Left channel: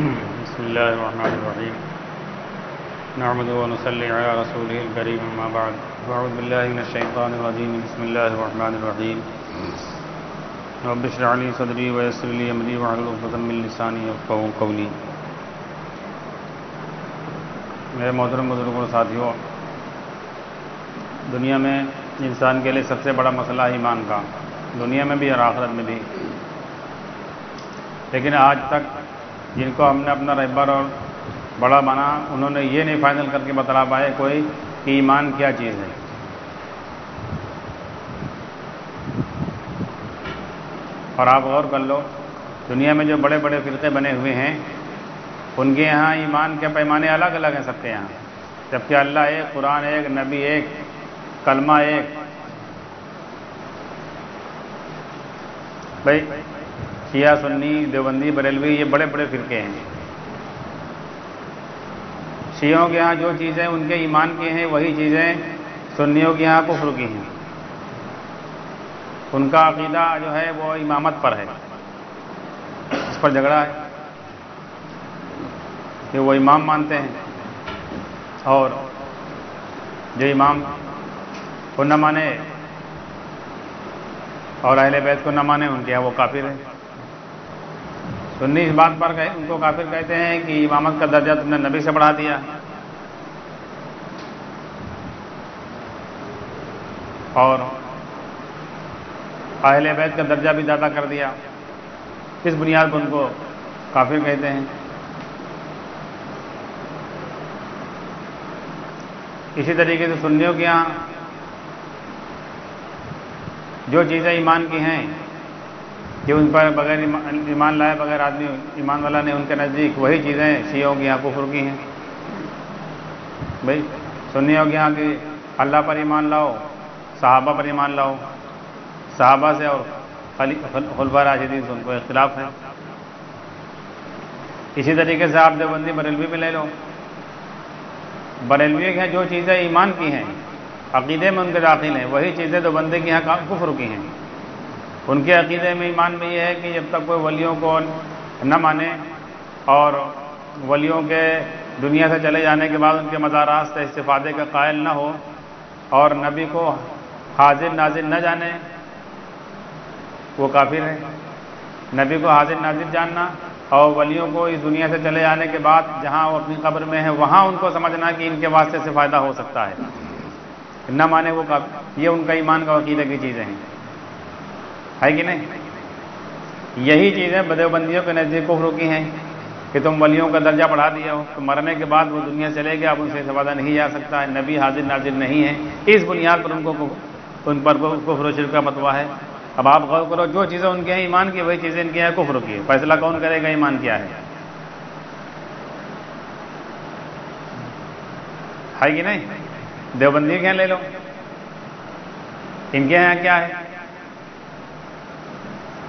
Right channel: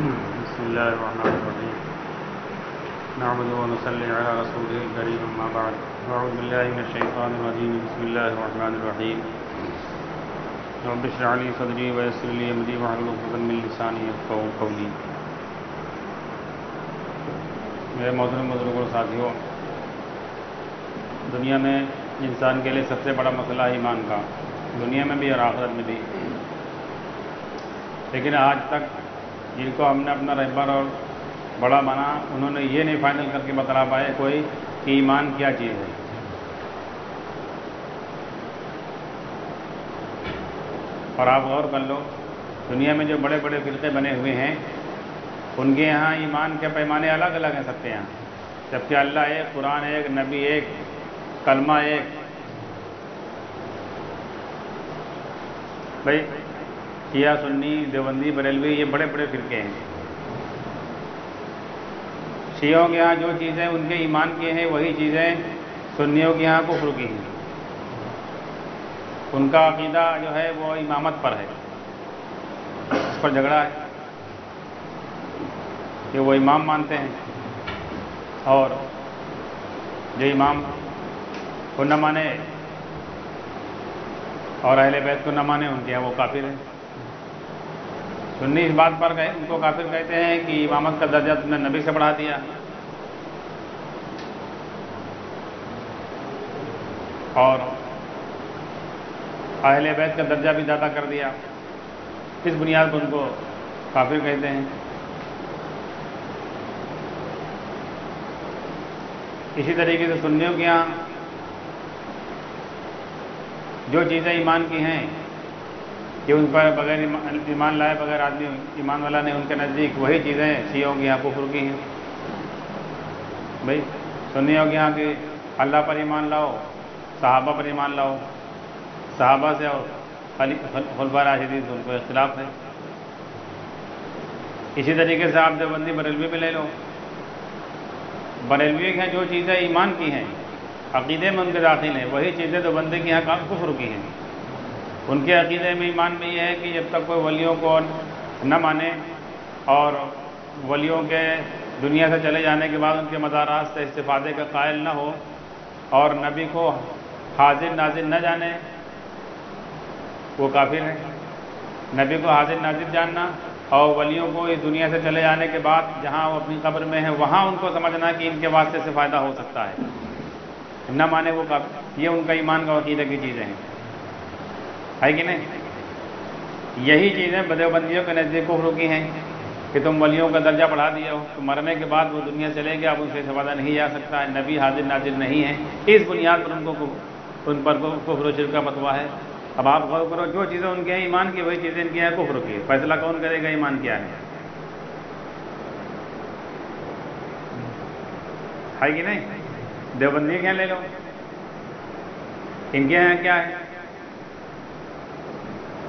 بسم الله الرحمن الرحيم نحمده ونصلي على رسوله الكريم أما بعد أعوذ بالله من الشيطان الرجيم بسم الله الرحمن الرحيم رب اشرح لي صدري ويسر لي أمري واحلل عقدة من لساني يفقهوا قولي. میرے محترم بزرگوں ساتھیوں، دنیا میں انسان کے لیے سب سے بڑا مسئلہ ہے ایمان کا، دنیا میں بھی اور آخرت میں بھی. لیکن آج تک جن کو ہم نے اپنا رہبر اور بڑا بنا، انہوں نے یہ نہیں فائنل کر کے بتلا پائے کوئی کہ ایمان کیا چیز ہے. اور آپ غور کر لو، دنیا میں جو بڑے بڑے فرقے بنے ہوئے ہیں ان کے یہاں ایمان کے پیمانے الگ الگ ہیں سب کے یہاں، جبکہ اللہ ایک، قرآن ایک، نبی ایک، کلمہ ایک. بھائی شیعہ، سنی، دیوبندی، بریلوی، یہ بڑے بڑے فرقے ہیں. شیعوں کے یہاں جو چیزیں ان کے ایمان کی ہیں وہی چیزیں سنیوں کے یہاں کفر کی ہیں. ان کا عقیدہ جو ہے وہ امامت پر ہے، اس پر جھگڑا ہے کہ وہ امام مانتے ہیں، اور جو امام کو نہ مانے اور اہل بیت کو نہ مانے ان کے یہاں وہ کافر ہیں. سنی اس بات پر ان کو کافر کہتے ہیں کہ امامت کا درجہ تم نے نبی سے بڑھا دیا، اور اہل بیت کا درجہ بھی زیادہ کر دیا. اس بنیاد پر ان کو کافر کہتے ہیں. اسی طریقے سے سنیوں کے یہاں جو چیزیں ایمان کی ہیں کہ ان پر بغیر ایمان لائے بغیر آدمی ایمان والا نہیں، ان کے نزدیک وہی چیزیں شیعوں کے یہاں کفر کی ہیں. بھائی سنیوں کے یہاں کہ اللہ پر ایمان لاؤ، صحابہ پر ایمان لاؤ، صحابہ سے اور خلفاء راشدین سے ان کو اختلاف ہے. اسی طریقے سے آپ دیوبندی بریلوی میں لے لو، بریلوی کے جو چیزیں ایمان کی ہیں، عقیدے میں ان کے داخل ہیں، وہی چیزیں دیوبندی کے یہاں کفر کی ہیں. ان کے عقیدے میں ایمان میں یہ ہے کہ جب تک کوئی ولیوں کو نہ مانے اور ولیوں کے دنیا سے چلے جانے کے بعد ان کے مزارات سے استفادے کا قائل نہ ہو اور نبی کو حاضر ناظر نہ جانے، وہ کافر ہے. نبی کو حاضر ناظر جاننا اور ولیوں کو اس دنیا سے چلے جانے کے بعد جہاں وہ اپنی قبر میں ہیں وہاں ان کو سمجھنا کہ ان کے واسطے سے فائدہ ہو سکتا ہے، نہ مانے وہ کافر. یہ ان کا ایمان کا عقیدہ کی چیزیں ہیں، ہے کہ نہیں؟ یہی چیزیں دیوبندیوں کے نزدیک کفر کی ہیں کہ تم ولیوں کا درجہ بڑھا دیا ہو، تو مرنے کے بعد وہ دنیا چلے گیا، اب ان سے استفادہ نہیں جا سکتا ہے، نبی حاضر ناظر نہیں ہے. اس بنیاد پر ان پر کفر و شرک کا فتویٰ ہے. اب آپ غور کرو، جو چیزیں ان کے ہیں ایمان کی وہی چیزیں ان کے ہیں کفر کی. فیصلہ کون کرے گا ایمان کیا ہے کہ نہیں؟ دیوبندی کے یہاں لے لو، ان کے یہاں کیا ہے؟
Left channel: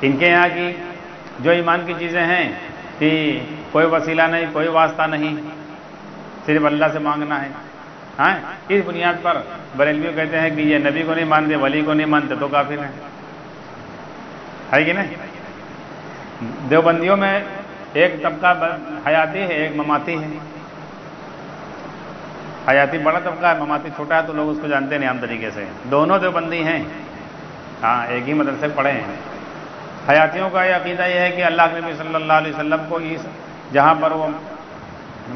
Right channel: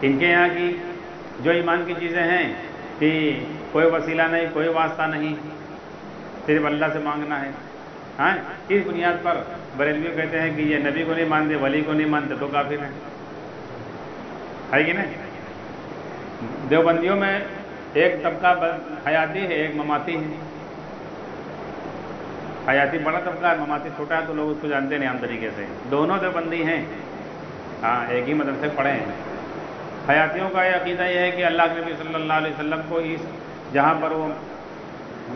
ان کے یہاں کی جو ایمان کی چیزیں ہیں کہ کوئی وسیلہ نہیں، کوئی واسطہ نہیں، صرف اللہ سے مانگنا ہے. ہاں، اس بنیاد پر بریلوی کہتے ہیں کہ یہ نبی کو نہیں مانتے، ولی کو نہیں مانتے تو کافر ہیں، ہے کہ نہیں؟ دیوبندیوں میں ایک طبقہ حیاتی ہے، ایک مماتی ہے. حیاتی بڑا طبقہ ہے، مماتی چھوٹا ہے، تو لوگ اس کو جانتے نہیں عام طریقے سے. دونوں دیوبندی ہیں، ہاں ایک ہی مدرسے پڑھے ہیں. حیاتیوں کا یہ عقیدہ یہ ہے کہ اللہ کے نبی صلی اللہ علیہ وسلم کو اس جہاں پر وہ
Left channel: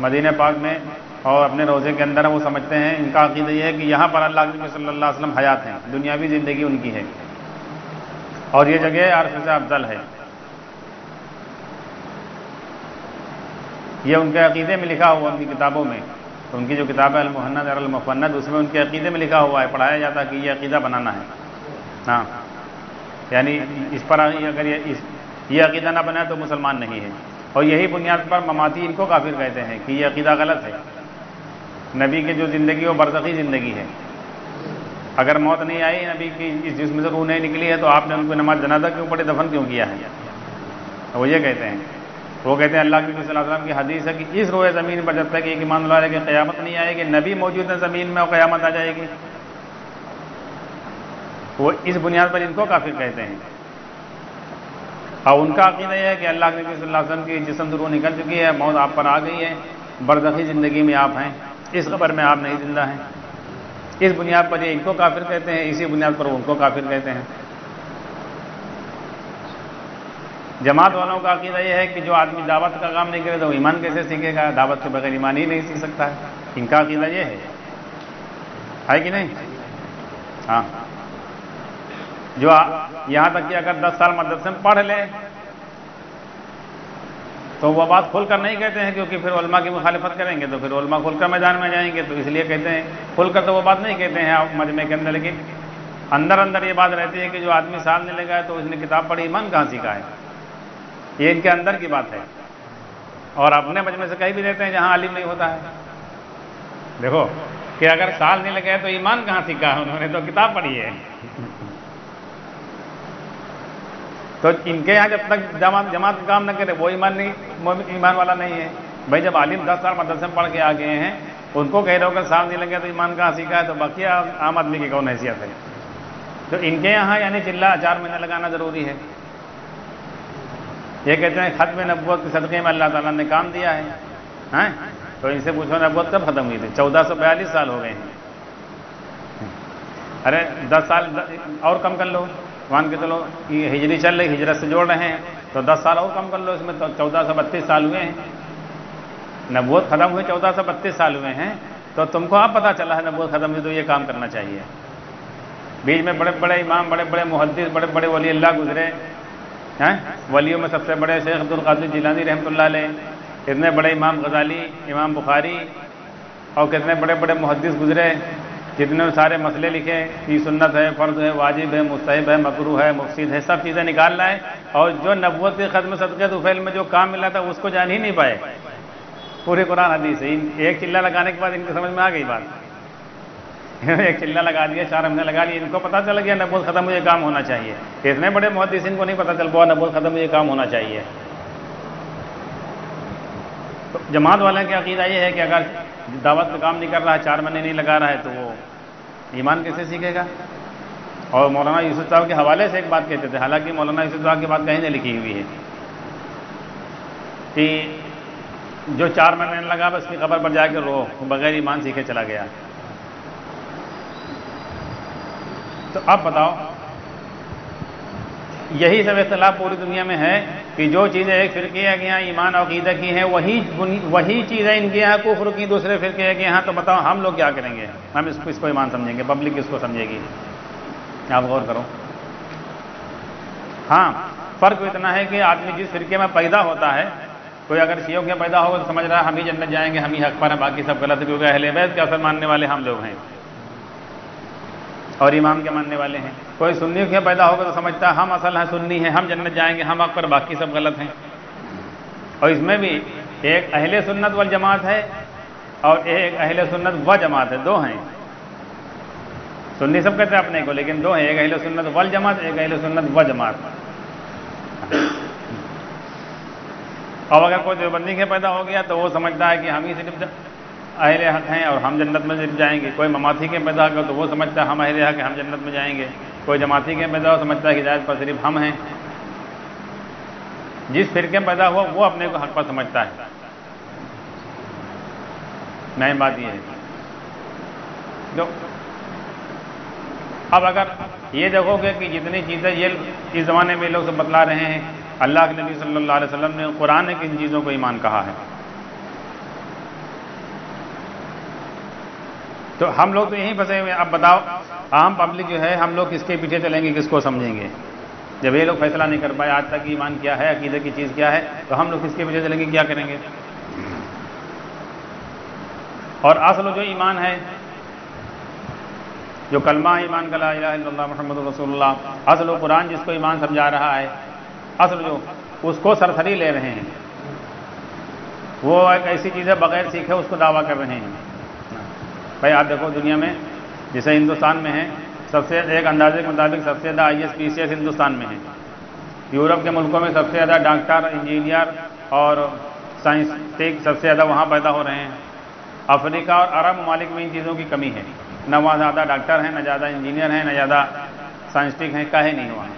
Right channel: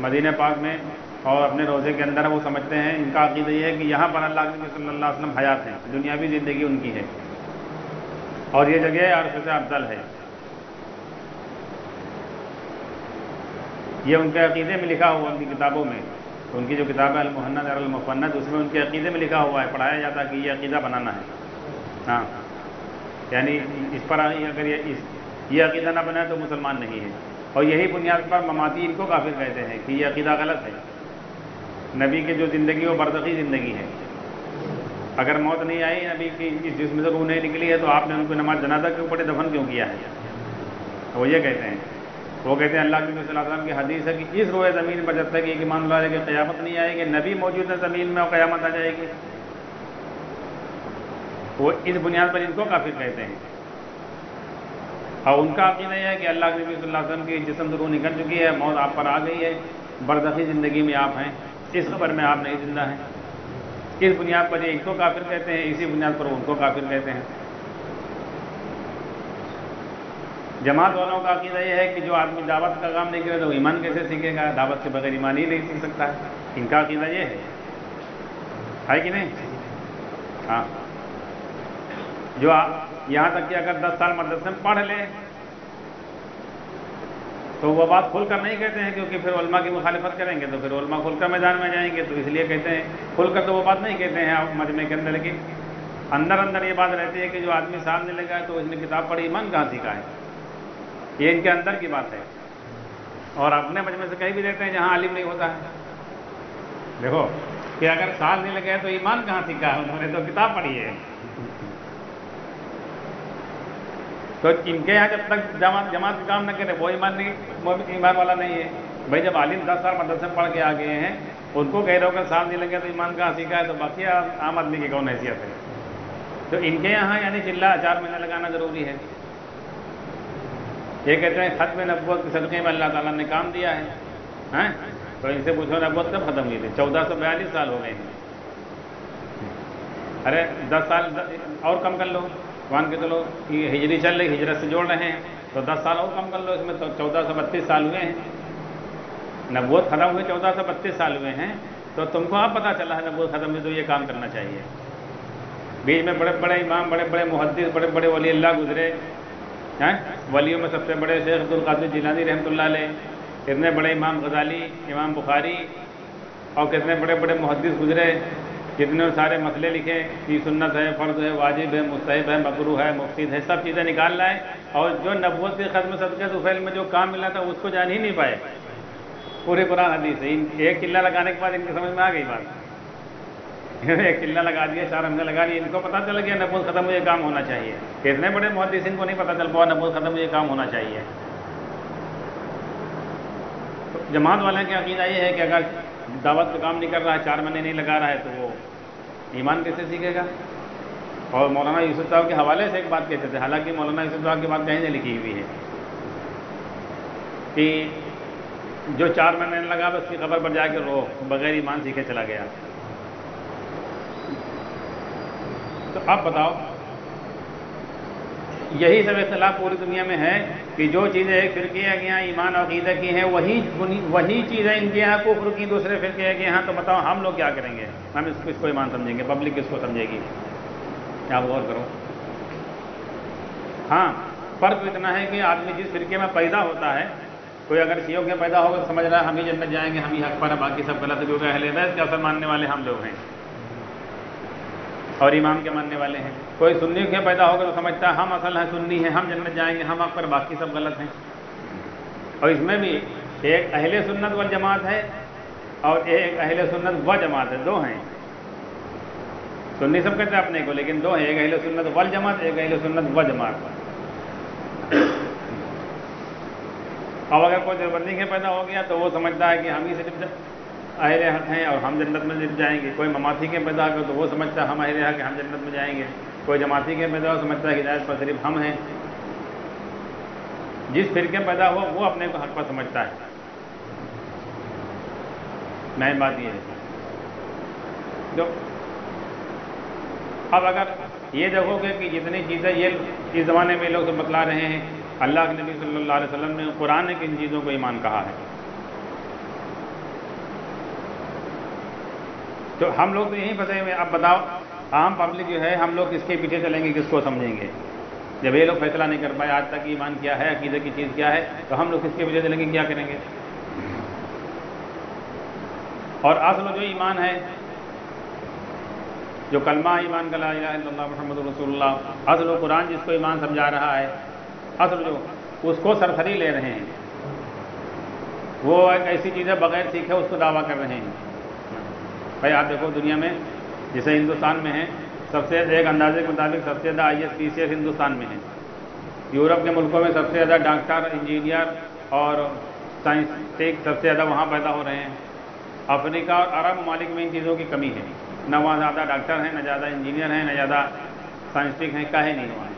مدینہ پاک میں اور اپنے روضے کے اندر وہ سمجھتے ہیں، ان کا عقیدہ یہ ہے کہ یہاں پر اللہ کے نبی صلی اللہ علیہ وسلم حیات ہیں، دنیاوی زندگی ان کی ہے، اور یہ جگہ عرش سے افضل ہے. یہ ان کے عقیدے میں لکھا ہوا، ان کی کتابوں میں، ان کی جو کتاب ہے المحند اور المفند، اس میں ان کے عقیدے میں لکھا ہوا ہے، پڑھایا جاتا ہے کہ یہ عقیدہ بنانا ہے. ہاں، یعنی اس پر اگر یہ عقیدہ نہ بنا تو مسلمان نہیں ہے. اور یہی بنیاد پر مماتی ان کو کافر کہتے ہیں کہ یہ عقیدہ غلط ہے. نبی کی جو زندگی وہ برزخی زندگی ہے، اگر موت نہیں آئی، نبی کی اس جسم سے روح نہیں نکلی ہے، تو آپ نے ان کو نماز جنازہ کیوں پڑھے، دفن کیوں کیا ہے؟ وہ یہ کہتے ہیں. وہ کہتے ہیں اللہ کے نبی صلی اللہ علیہ وسلم کی حدیث ہے کہ اس روئے زمین پر جب تک ایک ایمان لا ہے کہ قیامت نہیں آئے گی، نبی موجود ہے زمین میں اور قیامت آ جائے گی. وہ اس بنیاد پر ان کو کافر کہتے ہیں. اور ان کا عقیدہ یہ ہے کہ اللہ کے نبی صلی اللہ علیہ وسلم کی جسم سے روح نکل چکی ہے، موت آپ پر آ گئی ہے، برزخی زندگی میں آپ ہیں، اس خبر میں آپ نہیں زندہ ہیں۔ اس بنیاد پر یہ ان کو کافر کہتے ہیں، اسی بنیاد پر ان کو کافر کہتے ہیں۔ جماعت والوں کا عقیدہ یہ ہے کہ جو آدمی دعوت کا کام نہیں کرے تو وہ ایمان کیسے سیکھے گا؟ دعوت کے بغیر ایمان ہی نہیں سیکھ سکتا ہے۔ ان کا عقیدہ یہ ہے کہ نہیں؟ ہاں، جو یہاں تک کہ اگر 10 سال مدرسے میں پڑھ لیں تو وہ بات کھل کر نہیں کہتے ہیں، کیونکہ پھر علماء کی مخالفت کریں گے تو پھر علماء کھل کر میدان میں جائیں گے، تو اس لیے کہتے ہیں کھل کر تو وہ بات نہیں کہتے ہیں آپ مجمع کے اندر، لیکن اندر اندر یہ بات رہتی ہے کہ جو آدمی سامنے لگا ہے تو اس نے کتاب پڑھی، ایمان کہاں سیکھا ہے؟ یہ ان کے اندر کی بات ہے، اور اپنے مجمع سے کہیں بھی دیتے ہیں جہاں عالم نہیں ہوتا ہے۔ دیکھو کہ اگر سال نہیں لگے تو ایمان کہاں سیکھا؟ انہوں نے تو کتاب پڑھی ہے۔ تو ان کے یہاں جب تک جماعت کام نہ کرے وہ ایمان والا نہیں ہے۔ بھائی جب عالم 10 سال مدرسے میں پڑھ کے آ گئے ہیں، ان کو کہہ رہے ہو کہ سال نہیں لگے تو ایمان کہاں سیکھا ہے، تو باقی عام آدمی کی کون حیثیت ہے؟ تو ان کے یہاں یعنی چلہ 4 مہینے لگانا ضروری ہے۔ یہ کہتے ہیں ختم نبوت کے صدقے میں اللہ تعالیٰ نے کام دیا ہے، تو ان سے پوچھو نبوت کب ختم ہوئی تھی؟ 1442 سال ہو گئے ہیں۔ ارے 10 سال اور کم کر لو، مان کے چلو یہ ہجری چل رہی، ہجرت سے جوڑ رہے ہیں تو 10 سال اور کم کر لو، اس میں تو 1432 سال ہوئے ہیں۔ نبوت ختم ہوئے 1432 سال ہوئے ہیں، تو تم کو اب پتہ چلا ہے نبوت ختم ہوئی تو یہ کام کرنا چاہیے۔ بیچ میں بڑے بڑے امام، بڑے بڑے محدث، بڑے بڑے ولی اللہ گزرے ہیں، ولیوں میں سب سے بڑے شیخ عبدالقادر جیلانی رحمۃ اللہ علیہ، اتنے بڑے امام غزالی، امام بخاری، اور کتنے بڑے بڑے محدث گزرے، جتنے سارے مسئلے لکھے کہ سنت ہے، فرض ہے، واجب ہے، مستحب ہے، مکروہ ہے، مفسد ہے، سب چیزیں نکال لائے، اور جو نبوت کے ختم صدقے طفیل میں جو کام ملا تھا اس کو جان ہی نہیں پائے۔ پورے قرآن حدیث ہے، ایک چلہ لگانے کے بعد ان کی سمجھ میں آ گئی بات، ایک چلہ لگا دیا، 4 مہینے لگا لیے، ان کو پتہ چل گیا نبوت ختم ہوئے کام ہونا چاہیے۔ اتنے بڑے محدثین کو نہیں پتہ چل پایا نبوت ختم ہوئے کام ہونا چاہیے۔ جماعت والے کا عقیدہ یہ ہے کہ اگر دعوت کا کام نہیں کر رہا ہے، 4 مہینے نہیں لگا رہا ہے، تو وہ ایمان کیسے سیکھے گا؟ اور مولانا یوسف صاحب کے حوالے سے ایک بات کہتے تھے، حالانکہ مولانا یوسف صاحب کی بات کہیں نہیں لکھی ہوئی ہے، کہ جو 4 مہینے لگا بس کی قبر پر جا کے رو، بغیر ایمان سیکھے چلا گیا۔ تو اب بتاؤ، یہی سب اختلاف پوری دنیا میں ہے کہ جو چیزیں ایک فرقے کے یہاں ایمان اور عقیدہ کی ہیں وہی چیزیں ان کے یہاں کفر کی دوسرے فرقے کے یہاں، تو بتاؤ ہم لوگ کیا کریں گے؟ ہم اس کو ایمان سمجھیں گے، پبلک اس کو سمجھے گی؟ آپ غور کرو۔ ہاں، فرق اتنا ہے کہ آدمی جس فرقے میں پیدا ہوتا ہے، کوئی اگر شیعوں کے پیدا ہوگا تو سمجھ رہا ہے ہم ہی جنت جائیں گے، ہم ہی حق پر ہیں، باقی سب غلط ہے، کیونکہ اہل بیت کے اصل ماننے والے ہم لوگ ہیں اور امام کے ماننے والے ہیں۔ کوئی سنیوں کے پیدا ہوگا تو سمجھتا ہے ہم اصل ہیں، سنی ہیں، ہم جنت جائیں گے، ہم حق پر، باقی سب غلط ہیں۔ اور اس میں بھی ایک اہل سنت والجماعت ہے اور ایک اہل سنت و جماعت ہے، 2 ہیں۔ سنی سب کہتے ہیں اپنے کو، لیکن 2 ہیں، ایک اہل سنت والجماعت، ایک اہل سنت و جماعت۔ اور اگر کوئی دیوبندی کے پیدا ہو گیا تو وہ سمجھتا ہے کہ ہم ہی صرف اہل حق ہیں اور ہم جنت میں صرف جائیں گے۔ کوئی مماثی کے پیدا ہوگا تو وہ سمجھتا ہے ہم اہل حق ہیں، ہم جنت میں جائیں گے۔ کوئی جماعتی کے پیدا ہو سمجھتا ہے کہ ہدایت پر صرف ہم ہیں۔ جس فرقے میں پیدا ہوا وہ اپنے کو حق پر سمجھتا ہے۔ مین بات یہ ہے۔ اب اگر یہ دیکھو گے کہ جتنی چیزیں یہ اس زمانے میں لوگ بتلا رہے ہیں، اللہ کے نبی صلی اللہ علیہ وسلم نے قرآن کی ان چیزوں کو ایمان کہا ہے، تو ہم لوگ تو یہیں پھنسے ہوئے ہیں۔ اب بتاؤ عام پبلک جو ہے، ہم لوگ کس کے پیچھے چلیں گے، کس کو سمجھیں گے؟ جب یہ لوگ فیصلہ نہیں کر پائے آج تک ایمان کیا ہے، عقیدہ کی چیز کیا ہے، تو ہم لوگ کس کے پیچھے چلیں گے، کیا کریں گے؟ اور اصل جو ایمان ہے، جو کلمہ ایمان کا لا الہ الا اللہ محمد رسول اللہ، اصل و قرآن جس کو ایمان سمجھا رہا ہے، اصل جو اس کو سرسری لے رہے ہیں، وہ ایک ایسی چیز ہے بغیر سیکھے اس کو دعویٰ کر رہے ہیں۔ بھائی آپ دیکھو دنیا میں جیسے ہندوستان میں ہے، سب سے ایک اندازے کے مطابق سب سے زیادہ IAS PCS ہندوستان میں ہے۔ یورپ کے ملکوں میں سب سے زیادہ ڈاکٹر، انجینئر اور سائنسٹک سب سے زیادہ وہاں پیدا ہو رہے ہیں۔ افریقہ اور عرب ممالک میں ان چیزوں کی کمی ہے، نہ وہاں زیادہ ڈاکٹر ہیں، نہ زیادہ انجینئر ہیں، نہ زیادہ سائنسٹک ہیں، کاہے نہیں وہاں۔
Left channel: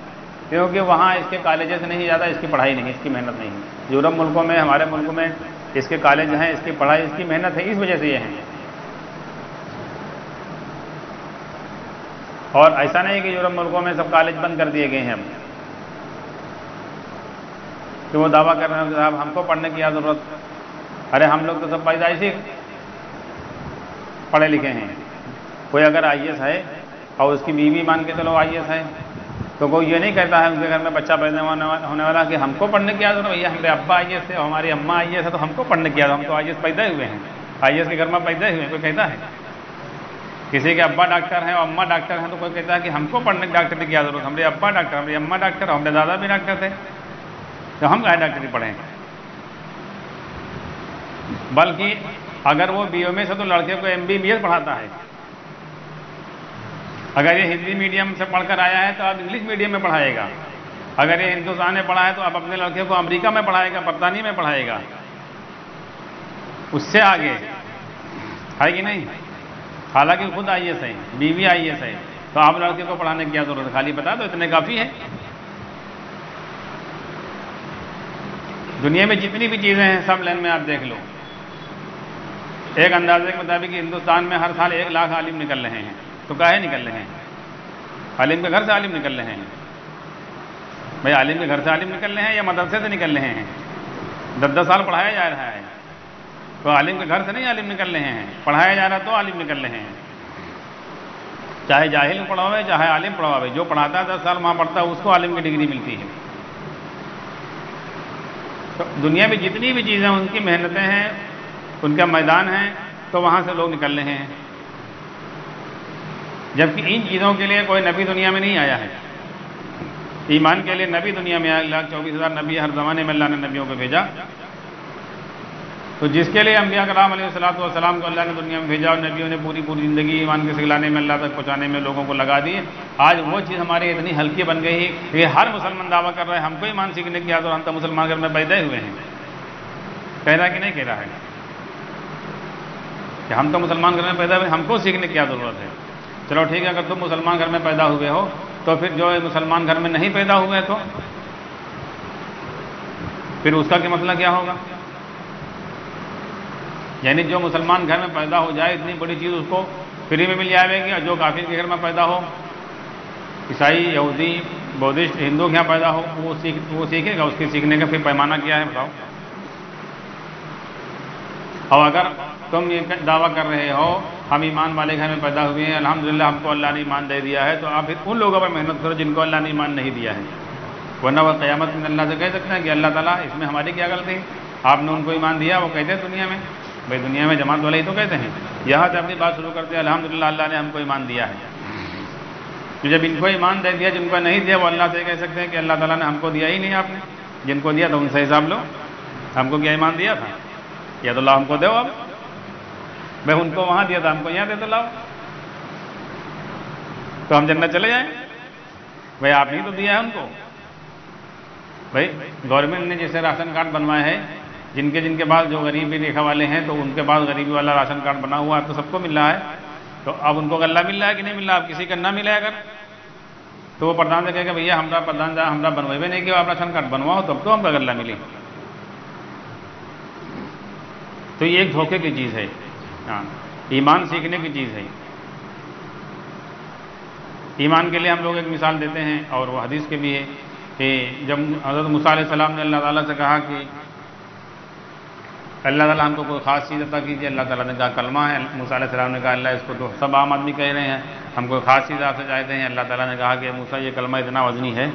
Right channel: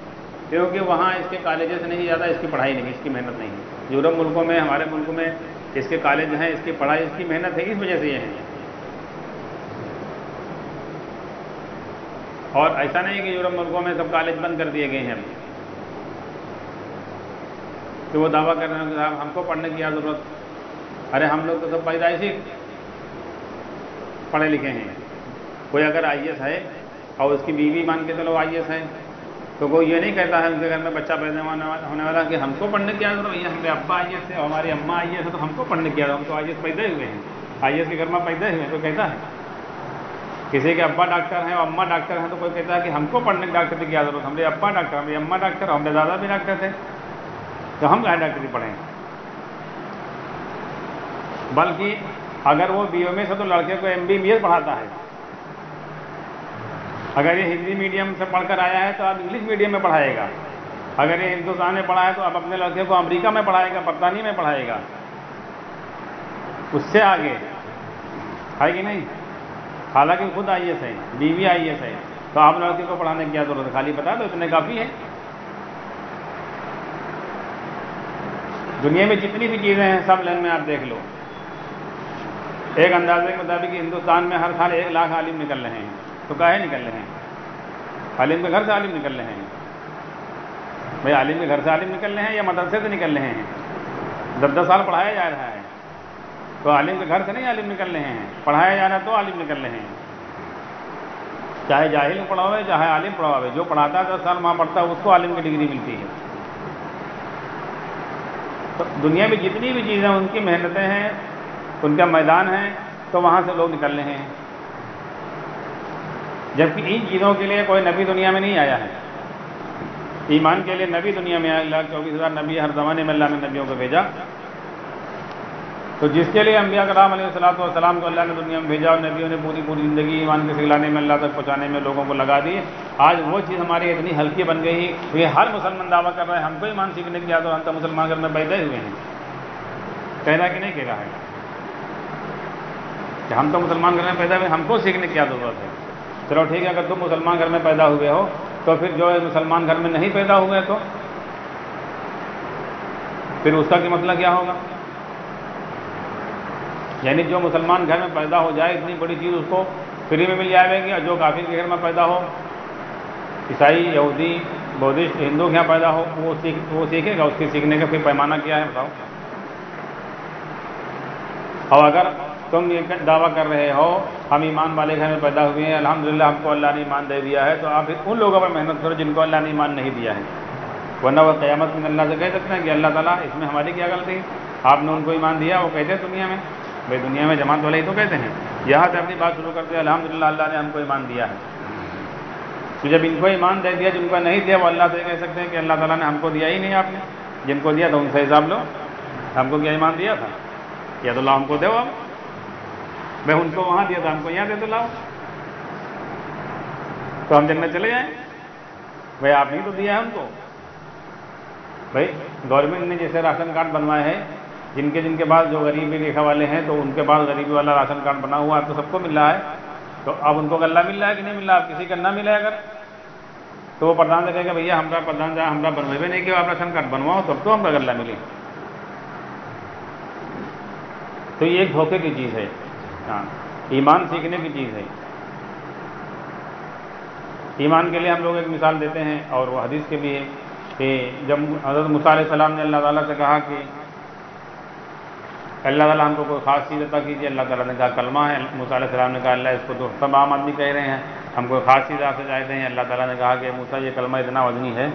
کیونکہ وہاں اس کے کالجز نہیں زیادہ، اس کی پڑھائی نہیں، اس کی محنت نہیں. یورپ ملکوں میں، ہمارے ملک میں اس کے کالج ہیں، اس کی پڑھائی، اس کی محنت ہے، اس وجہ سے یہ ہیں. اور ایسا نہیں کہ یورپ ملکوں میں سب کالج بند کر دیے گئے ہیں کہ وہ دعویٰ کر رہے ہیں کہ صاحب ہم کو پڑھنے کی کیا ضرورت. ارے ہم لوگ تو سب پیدائشی پڑھے لکھے ہیں. کوئی اگر آئی ایس ہے اور اس کی بیوی مان کے چلو آئی ایس ہے تو کوئی یہ نہیں کہتا ہے ان کے گھر میں بچہ پیدا ہونے والا کہ ہم کو پڑھنے کی کیا ضرورت. بھیا ہمارے ابا آئی ایس ہے، ہماری اماں آئی ایس ہے، تو ہم کو پڑھنے کی ضرورت، ہم تو آئی ایس پیدا ہوئے ہیں، آئی ایس کے گھر میں پیدا ہوئے ہیں. کوئی کہتا ہے کسی کے ابا ڈاکٹر ہیں اور اماں ڈاکٹر ہیں تو کوئی کہتا ہے کہ ہم کو پڑھنے کے ڈاکٹر کی کیا ضرورت، ہمارے ابا ڈاکٹر، ہماری اماں ڈاکٹر، ہمارے دادا بھی ڈاکٹر تھے تو ہم کہیں ڈاکٹری پڑھیں. بلکہ اگر وہ بی ایم اے سے تو لڑکے کو ایم بی بی ایس پڑھاتا ہے. اگر یہ ہندی میڈیم سے پڑھ کر آیا ہے تو اب انگلش میڈیم میں پڑھائے گا. اگر یہ ہندوستان میں پڑھا ہے تو اب اپنے لڑکے کو امریکہ میں پڑھائے گا، برطانیہ میں پڑھائے گا. اس سے آگے ہے کہ نہیں؟ حالانکہ خود آئی ایس ہے، بیوی آئی ایس ہے، تو آپ لڑکے کو پڑھانے کی کیا ضرورت ہے؟ خالی بتا دو، اتنے کافی ہے. دنیا میں جتنی بھی چیزیں ہیں سب لائن میں آپ دیکھ لو. ایک اندازے کے مطابق ہندوستان میں ہر سال 1 لاکھ عالم نکل رہے ہیں. تو کاہے نکل رہے ہیں؟ عالم کے گھر سے عالم نکل رہے ہیں. بھائی عالم کے گھر سے عالم نکل رہے ہیں یا مدرسے سے نکل رہے ہیں؟ 10 سال پڑھایا جا رہا ہے تو عالم کے گھر سے نہیں عالم نکل رہے ہیں، پڑھایا جا رہا ہے تو عالم نکل رہے ہیں. چاہے جاہل پڑھاوے چاہے عالم پڑھاوے، جو پڑھاتا ہے 10 سال وہاں پڑھتا ہے اس کو عالم کی ڈگری ملتی ہے. تو دنیا میں جتنی بھی چیزیں ان کی محنتیں ہیں، ان کا میدان ہے، تو وہاں سے لوگ نکل رہے ہیں. جبکہ ان چیزوں کے لیے کوئی نبی دنیا میں نہیں آیا ہے. ایمان کے لیے نبی دنیا میں 1,24,000 نبی ہر زمانے میں اللہ نے نبیوں کو بھیجا. تو جس کے لیے انبیاء کرام علیہ السلام کو اللہ نے دنیا میں بھیجا اور نبیوں نے پوری زندگی ایمان کے سکھلانے میں، اللہ تک پہنچانے میں لوگوں کو لگا دی. آج وہ چیز ہماری اتنی ہلکی بن گئی ہے کہ ہر مسلمان دعویٰ کر رہے ہیں ہم کو ایمان سیکھنے کی عادت، ہم تو مسلمان گھر میں پیدا ہوئے ہیں. کہہ رہا کہ نہیں کہہ رہا ہے کہ ہم تو مسلمان گھر میں پیدا ہوئے، ہم کو سیکھنے کی کیا ضرورت ہے؟ چلو ٹھیک ہے، اگر تم مسلمان گھر میں پیدا ہوئے ہو تو پھر جو مسلمان گھر میں نہیں پیدا ہوئے تو پھر اس کا کیا مسئلہ کیا ہوگا؟ یعنی جو مسلمان گھر میں پیدا ہو جائے اتنی بڑی چیز اس کو فری میں مل جائے گی، اور جو کافر کے گھر میں پیدا ہو، عیسائی، یہودی، بودھسٹ، ہندو کے یہاں پیدا ہو، وہ سیکھے گا. اس کے سیکھنے کا پھر پیمانہ کیا ہے بتاؤ؟ اور اگر تم یہ دعویٰ کر رہے ہو ہم ایمان والے گھر میں پیدا ہوئے ہیں، الحمدللہ ہم کو اللہ نے ایمان دے دیا ہے، تو آپ پھر ان لوگوں پر محنت کرو جن کو اللہ نے ایمان نہیں دیا ہے. ورنہ وہ قیامت میں اللہ سے کہہ سکتے ہیں کہ اللہ تعالیٰ اس میں ہماری کیا غلطی، آپ نے ان کو ایمان دیا. وہ کہتے ہیں دنیا میں، بھائی دنیا میں جماعت والے ہی تو کہتے ہیں. یہاں سے اپنی بات شروع کرتے ہیں الحمدللہ اللہ نے ہم کو ایمان دیا ہے. تو جب ان کو ایمان دے دیا، جن کو نہیں دیا وہ اللہ سے کہہ سکتے ہیں کہ اللہ تعالیٰ نے ہم کو دیا ہی نہیں، آپ نے جن کو دیا تو ان سے حساب لو. ہم کو کیا ایمان دیا تھا؟ یا تو اللہ ہم کو دو. آپ میں ان کو وہاں دیا تھا، ہم کو یہاں دے تو لاؤ، تو ہم جنت چلے جائیں. بھائی آپ نے تو دیا ہے ہم کو. بھائی گورنمنٹ نے جیسے راشن کارڈ بنوائے ہیں، جن کے پاس جو غریبی ریکھا والے ہیں تو ان کے پاس غریبی والا راشن کارڈ بنا ہوا ہے تو سب کو مل رہا ہے. تو اب ان کو غلہ مل رہا ہے کہ نہیں مل رہا؟ اب کسی کا نہ ملے اگر تو وہ پردھان سے کہے گا بھیا ہمارا پردھان صاحب ہمارا بنوائے بھی نہیں کہ آپ راشن کارڈ بنواؤ تب تو ہم کا غلہ ملے. تو یہ ایک دھوکے کی چیز ہے. ہاں، ایمان سیکھنے کی چیز ہے. ایمان کے لیے ہم لوگ ایک مثال دیتے ہیں اور وہ حدیث کے بھی ہے کہ جب حضرت موسیٰ علیہ السلام نے اللہ تعالیٰ سے کہا کہ اللہ تعالیٰ ہم کو کوئی خاص چیز عطا کیجیے، اللہ تعالیٰ نے کہا کلمہ ہے. موسیٰ علیہ السلام نے کہا اللہ اس کو تو سب عام آدمی کہہ رہے ہیں، ہم کوئی خاص چیز آپ سے چاہتے ہیں. اللہ تعالیٰ نے کہا کہ موسیٰ یہ کلمہ اتنا وزنی ہے،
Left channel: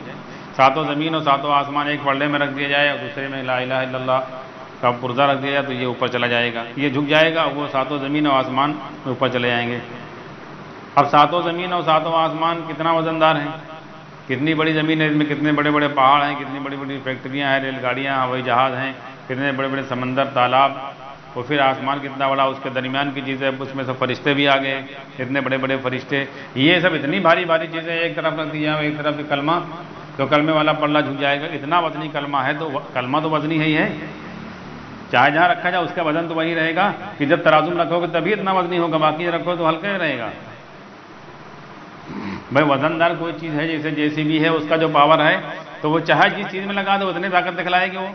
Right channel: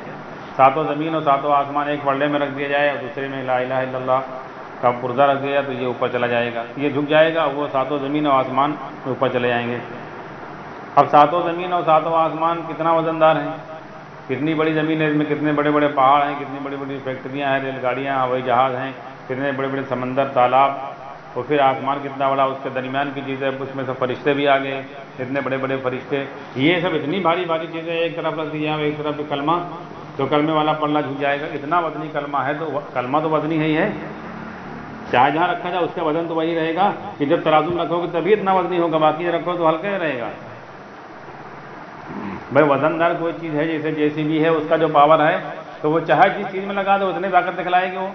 7 زمین اور 7 آسمان ایک پلڑے میں رکھ دیا جائے اور دوسرے میں لا الہ الا اللہ کا پرزہ رکھ دیا جائے تو یہ اوپر چلا جائے گا، یہ جھک جائے گا اور وہ 7 زمین اور آسمان اوپر چلے جائیں گے. اب 7 زمین اور 7 آسمان کتنا وزندار ہیں، کتنی بڑی زمین ہے، اس میں کتنے بڑے بڑے پہاڑ ہیں، کتنی بڑی بڑی فیکٹریاں ہیں، ریل گاڑیاں، ہوائی جہاز ہیں، کتنے بڑے بڑے سمندر، تالاب، اور پھر آسمان کتنا بڑا، اس کے درمیان کی چیزیں، اس میں سے فرشتے بھی آ گئے، اتنے بڑے بڑے فرشتے. یہ سب اتنی بھاری بھاری چیزیں ایک طرف رکھ دیا ایک طرف کلمہ، تو کلمے والا پڑھنا جھک جائے گا. اتنا وزنی کلمہ ہے تو کلمہ تو وزنی ہی ہے، چاہے جہاں رکھا جائے اس کا وزن تو وہی رہے گا کہ جب ترازو میں رکھو گے تبھی اتنا وزنی ہوگا، باقی رکھو تو ہلکا ہی رہے گا. بھائی وزندار کوئی چیز ہے جیسے JCB ہے، اس کا جو پاور ہے تو وہ چاہے جس چیز میں لگا دو اتنی طاقت دکھلائے گی، وہ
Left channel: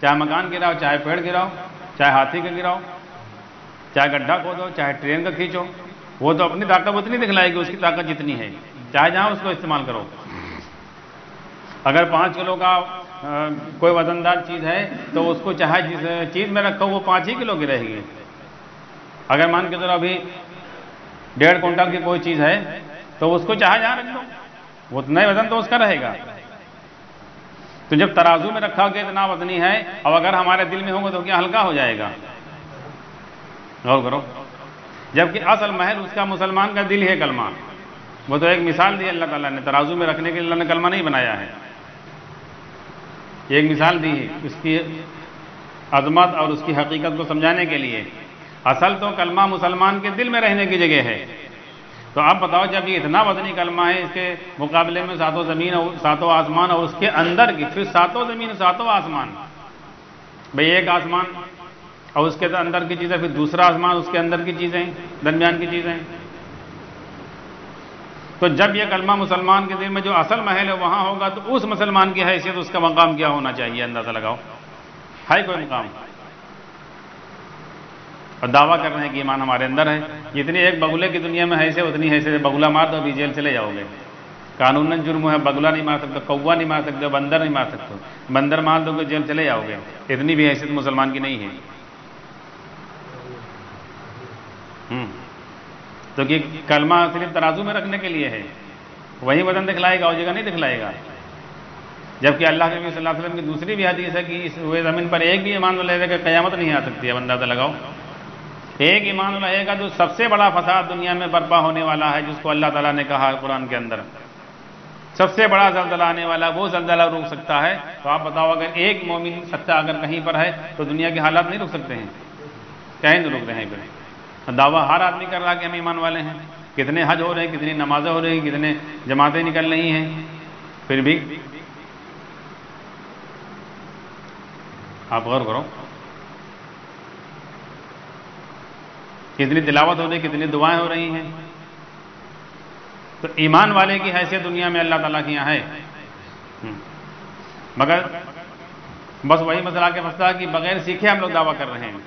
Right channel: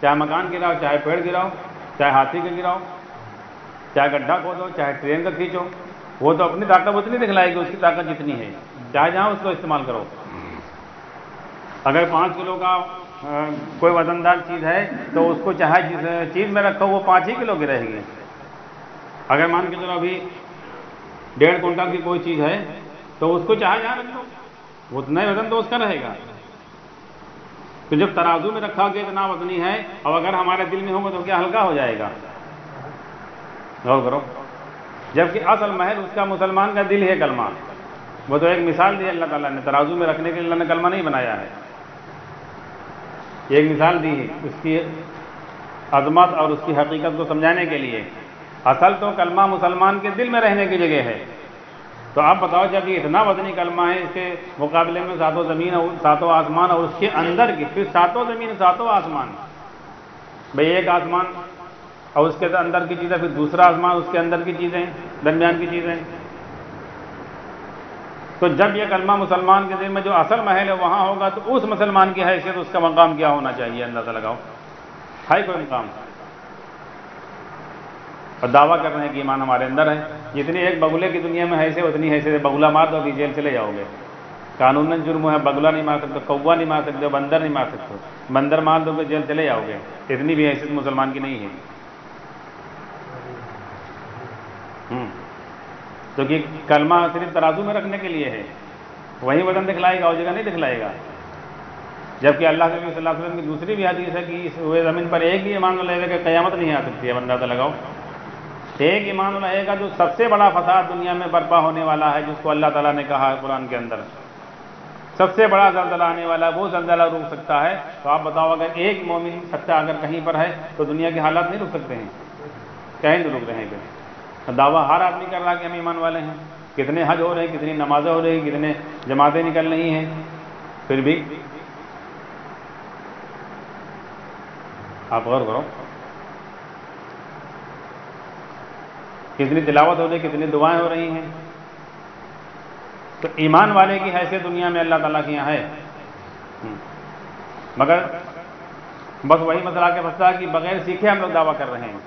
چاہے مکان گراؤ، چاہے پیڑ گراؤ، چاہے ہاتھی کا گراؤ، چاہے گڈھا کھودو، چاہے ٹرین کا کھینچو، وہ تو اپنی طاقت اتنی دکھلائے گی، اس کی طاقت جتنی ہے، چاہے جہاں اس کو استعمال کرو۔ اگر 5 کلو کا کوئی وزندار چیز ہے تو اس کو چاہے جس چیز میں رکھو وہ 5 ہی کلو کی رہے گی۔ اگر مان کے چلو ابھی 1.5 کنٹل کی کوئی چیز ہے تو اس کو چاہے جہاں رکھ دو، اتنا ہی وزن تو اس کا رہے گا۔ تو جب ترازو میں رکھا کہ اتنا وزنی ہے، اب اگر ہمارے دل میں ہوگا تو کیا ہلکا ہو جائے گا؟ غور کرو۔ جبکہ اصل محل اس کا مسلمان کا دل ہے کلمہ، وہ تو ایک مثال دی اللہ تعالیٰ نے، ترازو میں رکھنے کے لیے اللہ نے کلمہ نہیں بنایا ہے، ایک مثال دی ہے اس کی عظمت اور اس کی حقیقت کو سمجھانے کے لیے۔ اصل تو کلمہ مسلمان کے دل میں رہنے کی جگہ ہے۔ تو آپ بتاؤ جب یہ اتنا وزنی کلمہ ہے، اس کے مقابلے میں 7 زمین اور 7 آسمان اور اس کے اندر کی پھر 7 زمین 7 آسمان، بھئی ایک آسمان اور اس کے اندر کی چیزیں، پھر دوسرا آسمان اس کے اندر کی چیزیں، درمیان کی چیزیں۔ تو جب یہ کلمہ مسلمان کے دل میں جو اصل محل ہے وہاں ہوگا تو اس مسلمان کی حیثیت، اس کا مقام کیا ہونا چاہیے؟ اندازہ لگاؤ، ہے کوئی مقام؟ اور دعویٰ کر رہے ہیں کہ ایمان ہمارے اندر ہے۔ جتنی ایک بگلے کی دنیا میں حیثیت اتنی حیثیت، بگلا مار دو ابھی جیل چلے جاؤ گے، قانوناً جرم ہے، بگلا نہیں مار سکتے، کوا نہیں مار سکتے، بندر نہیں مار سکتے، بندر مار دو گے جیل چلے جاؤ گے، اتنی بھی حیثیت مسلمان کی نہیں ہے۔ تو کہ کلمہ صرف ترازو میں رکھنے کے لیے ہے، وہی وزن دکھلائے گا اور جگہ نہیں دکھلائے گا۔ جبکہ اللہ کے نبی صلی اللہ علیہ وسلم کی دوسری بھی حدیث ہے کہ اس ہوئے زمین پر ایک بھی ایمان والا رہے گا، قیامت نہیں آ سکتی ہے۔ اندازہ لگاؤ، ایک ایمان والا رہے گا جو سب سے بڑا فساد دنیا میں برپا ہونے والا ہے، جس کو اللہ تعالیٰ نے کہا ہے قرآن کے اندر، سب سے بڑا زلزلہ آنے والا، وہ زلزلہ روک سکتا ہے۔ تو آپ بتاؤ اگر ایک مومن سچا اگر کہیں پر ہے تو دنیا کے حالات نہیں رک سکتے ہیں؟ کہیں نہیں رک رہے ہیں۔ دعویٰ ہر آدمی کر رہا کہ ہم ایمان والے ہیں، کتنے حج ہو رہے ہیں، کتنی نمازیں ہو رہی ہیں، کتنے جماعتیں نکل رہی ہیں، پھر بھی آپ غور کرو، کتنی تلاوت ہو رہی ہے، کتنی دعائیں ہو رہی ہیں۔ تو ایمان والے کی حیثیت دنیا میں اللہ تعالیٰ کی یہاں ہے، مگر بس وہی مسئلہ کے مسئلہ کہ بغیر سیکھے ہم لوگ دعویٰ کر رہے ہیں،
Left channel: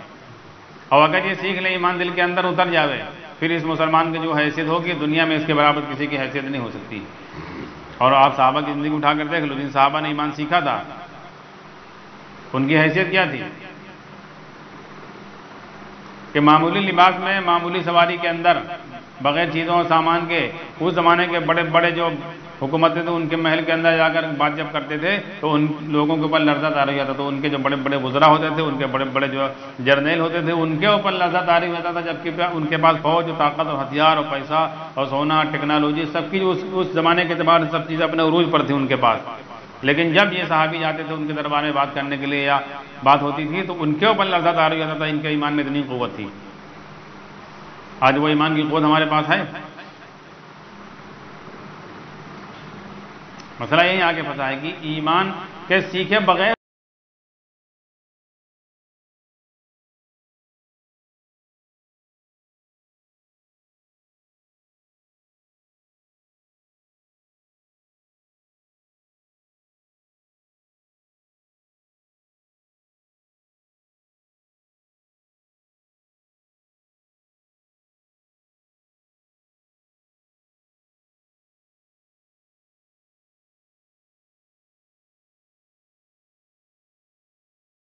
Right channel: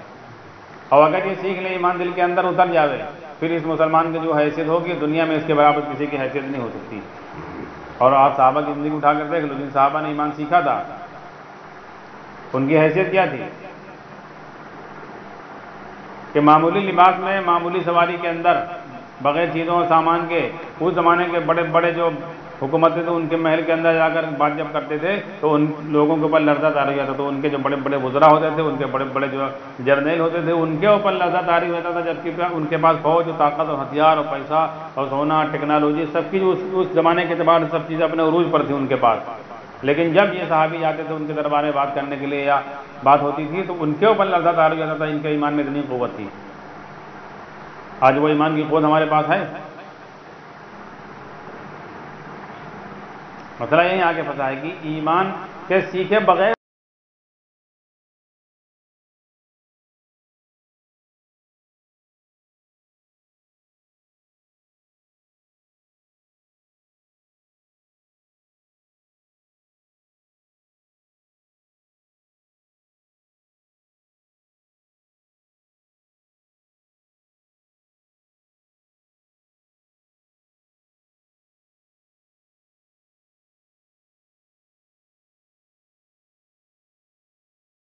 اور اگر یہ سیکھ لیں، ایمان دل کے اندر اتر جاوے، پھر اس مسلمان کی جو حیثیت ہوگی دنیا میں اس کے برابر کسی کی حیثیت نہیں ہو سکتی۔ اور آپ صحابہ کی زندگی اٹھا کر دیکھ لو، جن صحابہ نے ایمان سیکھا تھا ان کی حیثیت کیا تھی کہ معمولی لباس میں، معمولی سواری کے اندر، بغیر چیزوں اور سامان کے، اس زمانے کے بڑے بڑے جو حکومتیں تھے ان کے محل کے اندر جا کر بات جب کرتے تھے تو ان لوگوں کے اوپر لرزہ طاری ہوتا تھا۔ تو ان کے جو بڑے بڑے وزراء ہوتے تھے، ان کے بڑے بڑے جو جرنیل ہوتے تھے، ان کے اوپر لرزہ طاری ہوتا تھا، جبکہ ان کے پاس فوج اور طاقت اور ہتھیار اور پیسہ اور سونا، ٹیکنالوجی، سب کی اس زمانے کے اعتبار سے سب چیزیں اپنے عروج پر تھیں ان کے پاس۔ لیکن جب یہ صحابی جاتے تھے ان کے دربار میں بات کرنے کے لیے یا بات ہوتی تھی تو ان کے اوپر لرزہ طاری ہوتا تھا، ان کے ایمان میں اتنی قوت تھی۔ آج وہ ایمان کی قوت ہمارے پاس ہے؟ مسئلہ یہی آگے پتا ہے کہ ایمان کے سیکھے بغیر